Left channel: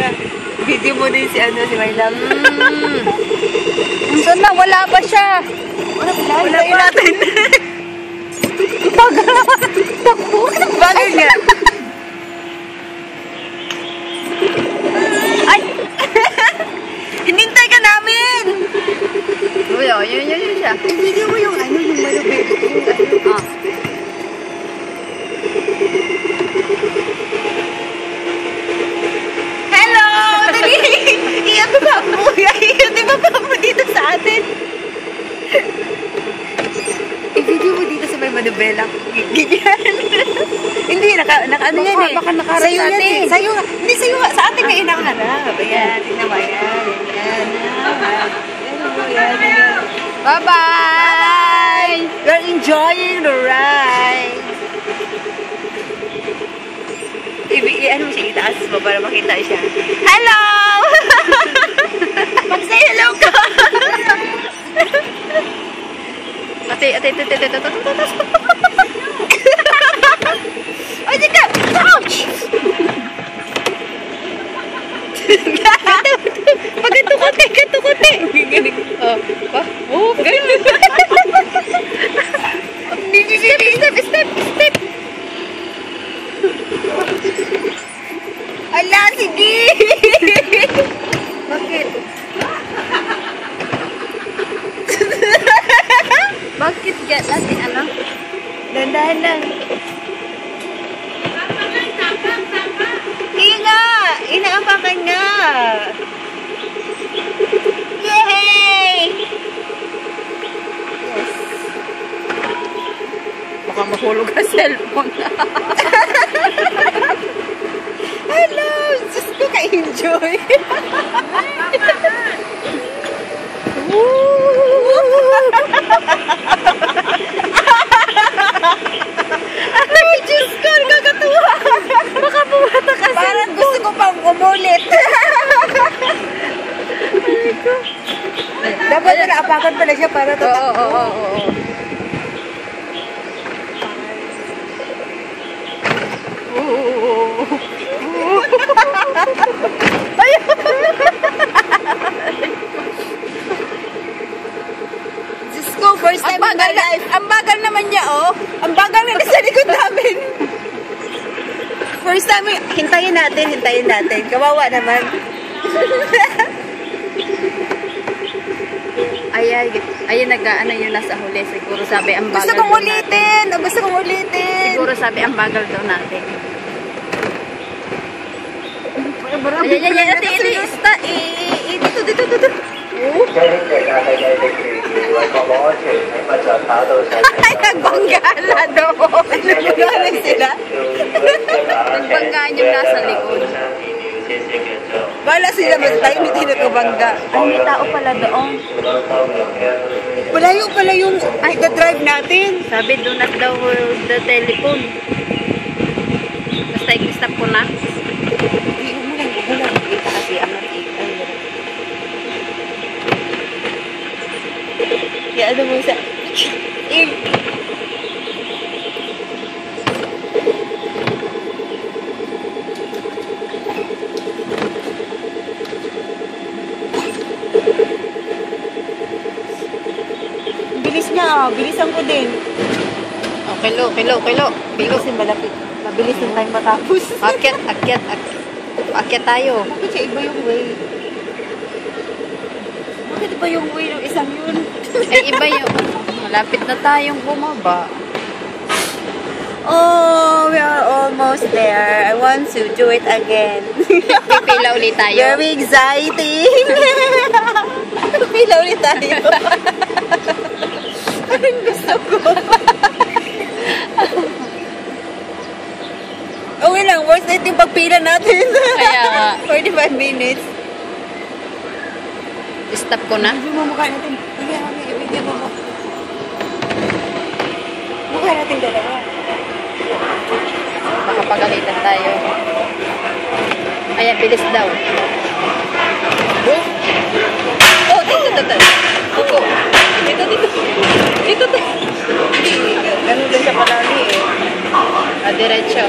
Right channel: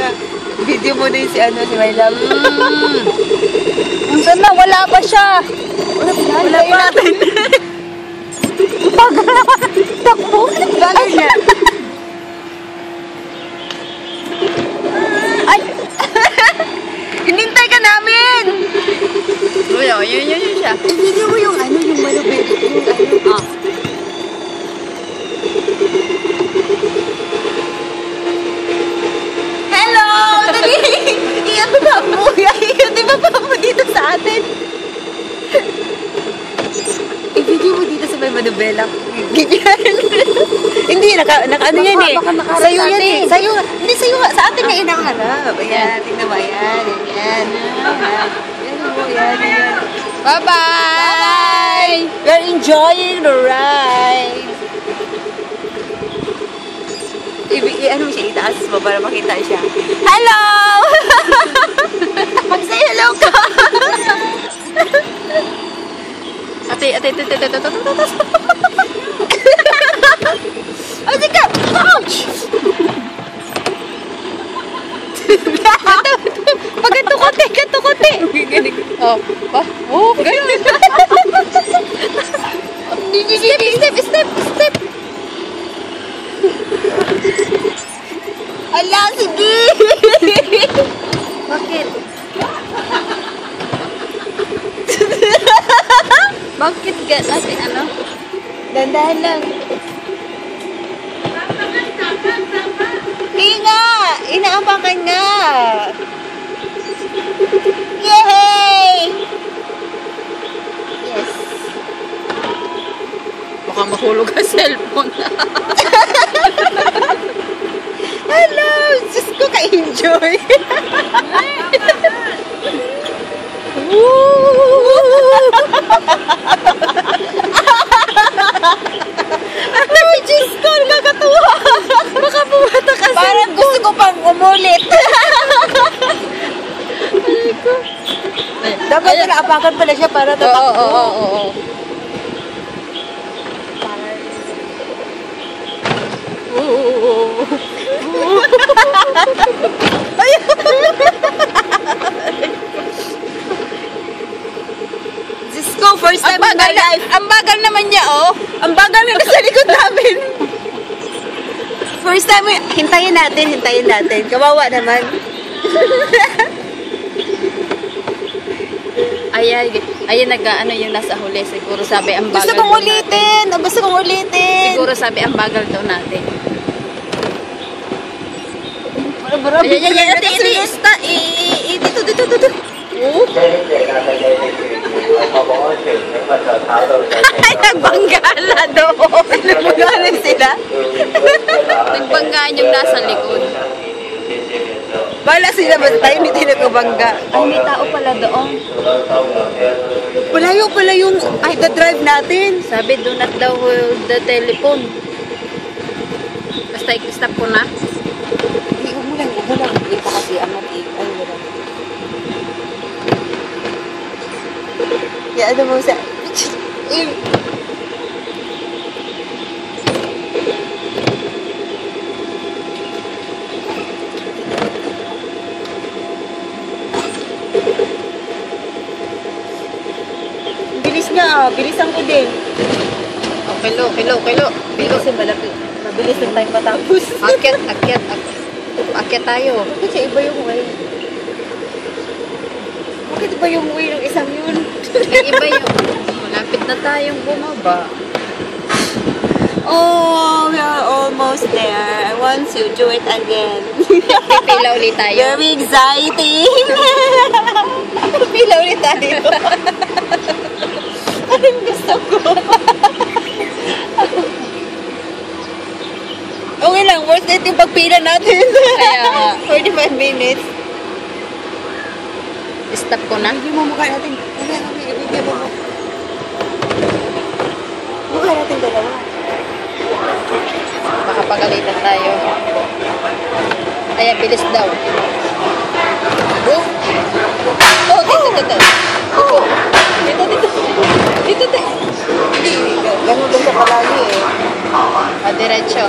ka. Video mo din si My Love. Saan na? Wala pa siya. Wala pa. Bagal naman. Takbo. Bagal nga. Ay! Hinintay ka namin! Wala, yun siya. Video mo yung yung malupit. Hello! Dali! Iyan ba mo dito sa atin? I-video mo dito sa may Manubela. Hindi, ano yan eh. Baka nakaharap sa'yo yan natin. eh. Sa'yo, hindi sa'yo, sa atin na inaharap. Ayan, tingnan mo, ayan. Yan mo, yan. Bye-bye! We're enjoying the ride. Ano mo siya, itaas mo para makita siya. Hello! Mag-say hello ka! Ate. Ay, tika! Ouch! Pagkatukote! Ganun. Step! Ala, sige! Bakit? Bakit natin ano? Dandahan lang. Hinga! Inaapakan nga! Yay! Yes. Baka mahulog ang cellphone. Hello! Diyos ko ka-enjoy! Ay, Diyos ko! Nagkakatuwa! Baka bumata kasi. Parang gusto ko pang umulit. Ay ko. Dapat naapakan pala siya para tatakbo. Oo. Diyos ko, first time in my life. Ang bagal naman niya, oh. Ang bagal na nasa likod namin. First time, hintayin natin. Kawawa naman. Ay, nag-ano yung nasa huli. Siguro sabi ang bagal Gusto kong ulitin. Siguro sabi ang bagal daw natin. Ay, dito. Oh. Ay, nagbanggala doon. Nagbagalan sila. Nagbangaan yung nasa likod. Bala sila ba tayo, hindi nakabangga. Ay, may tao pala doon. Malayo pala yung drive natin. Sabi, do not daw the telephone. Basta i-stop ko na. Huwag mo lang. Kita kasi angat eh. Ay, wala. Kaya ano mo sa... Bilisan ko din. Kilo. Hindi kasi malapit. Mabilis yung time matapos. Akyat tayo. Bakit siya iba yung way? Bakit iba yung way ng isang yun? Iba yung... Malapit na tayong bumaba. Oh, we are almost there. I want to do it again. Pipila ulit tayo. Very exciting. Pipila ulit tayo. Anong gusto ko? Okay lang, worth it yung pagpila natin. Kaya nga. 45 minutes. Stop ko na. Ibigay mo mukha natin. Ibigay mo. Mukha natin dalawa. Baka pagalitan tayo. Kaya bilis daw. Oh, dito. Dito. Ganun din siya palagi eh. Diretso.